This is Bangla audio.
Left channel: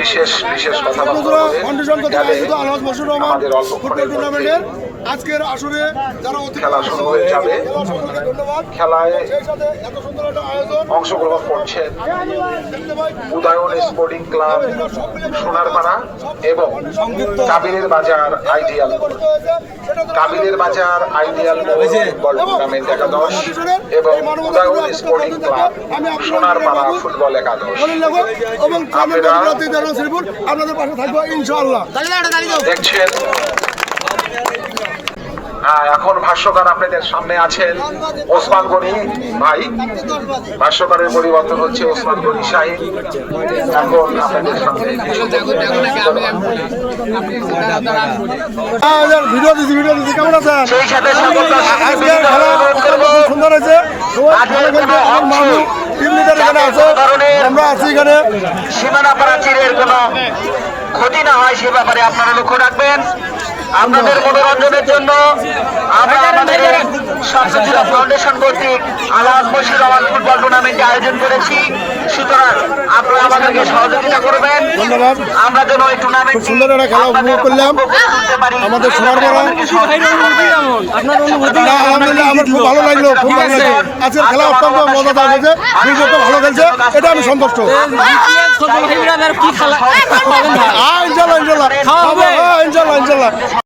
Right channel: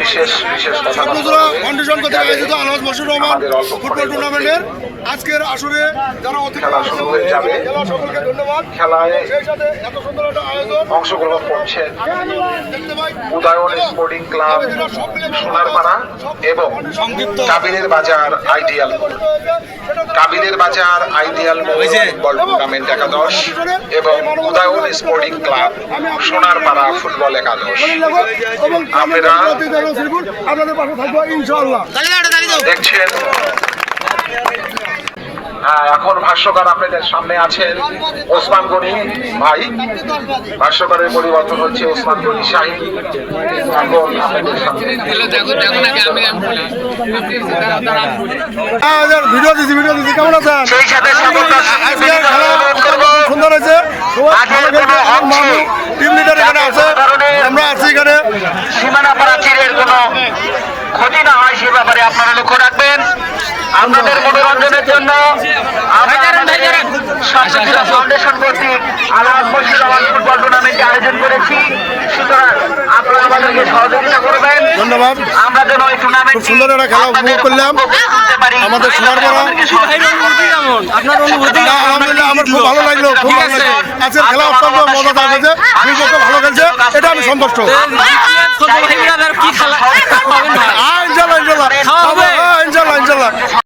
বিশেষ ফাউন্ডেশন কর্তৃক আয়োজিত আলহাজ মশিউর রহমান ফুটবল টুর্নামেন্টের আজকের আসরে যারা খেলা শুরু হয়ে যাবে। সকলকে ধন্যবাদ। খেলায় সেই সাথে এত সুন্দর একটা আয়োজন অংশগ্রহণ করছেন দেখতে পাই উদয়ন স্পোর্টিং ক্লাব সোনারপাড়া এবং কাবিলের বাজার আইডিয়াল কাবিলের বাজার আইডিয়াল ফুটবল টুর্নামেন্ট একাদশ এবং Udayan sporting club Sonarpara football একাদশ। এবং আপনারা আপনাদের পাশে থাকবো ইনশাআল্লাহ। দেখছেন এখন ভাষ্যকার আপনাদের সামনে আছেন ওসমান গনি ভাই। ভাষ্যকারের পরিবর্তন হচ্ছে ওসমান গনি শাহীন। এখন আপনাদের সামনে ভিডিও দিচ্ছি কেমন আছেন? সেই সাথে সুন্দর হয়েছে। টিম লিডার এখানে আছে, আমরা আছি এখানে। সীমানা প্রাচীরের কোনো ক্ষতি না হয় সে ব্যাপারে আপনারা লক্ষ্য রাখবেন। আপনাদের মনোরঞ্জনের জন্য ফাউন্ডেশন কর্তৃক আলহাজ মশিউর রহমান ফুটবল টুর্নামেন্ট আয়োজন করেছি, সুতরাং আপনারা আমাদেরকে সহযোগিতা করবেন। ধন্যবাদ। আমরা যেন এই টুর্নামেন্ট খুব সুন্দর একটা খেলা উপভোগ করলাম আমাদের সোনারপাড়া। আলহামদুলিল্লাহ আমার খুব ভালো লাগলো, খুব ভালো লাগলো। আজকের খেলা অত্যন্ত মজাদার হয়েছে, দুই পক্ষ ভালো খেলছে, এটা আমি সন্তুষ্ট। ইনশাল্লাহ ইনশাল্লাহ ইনশাল্লাহ।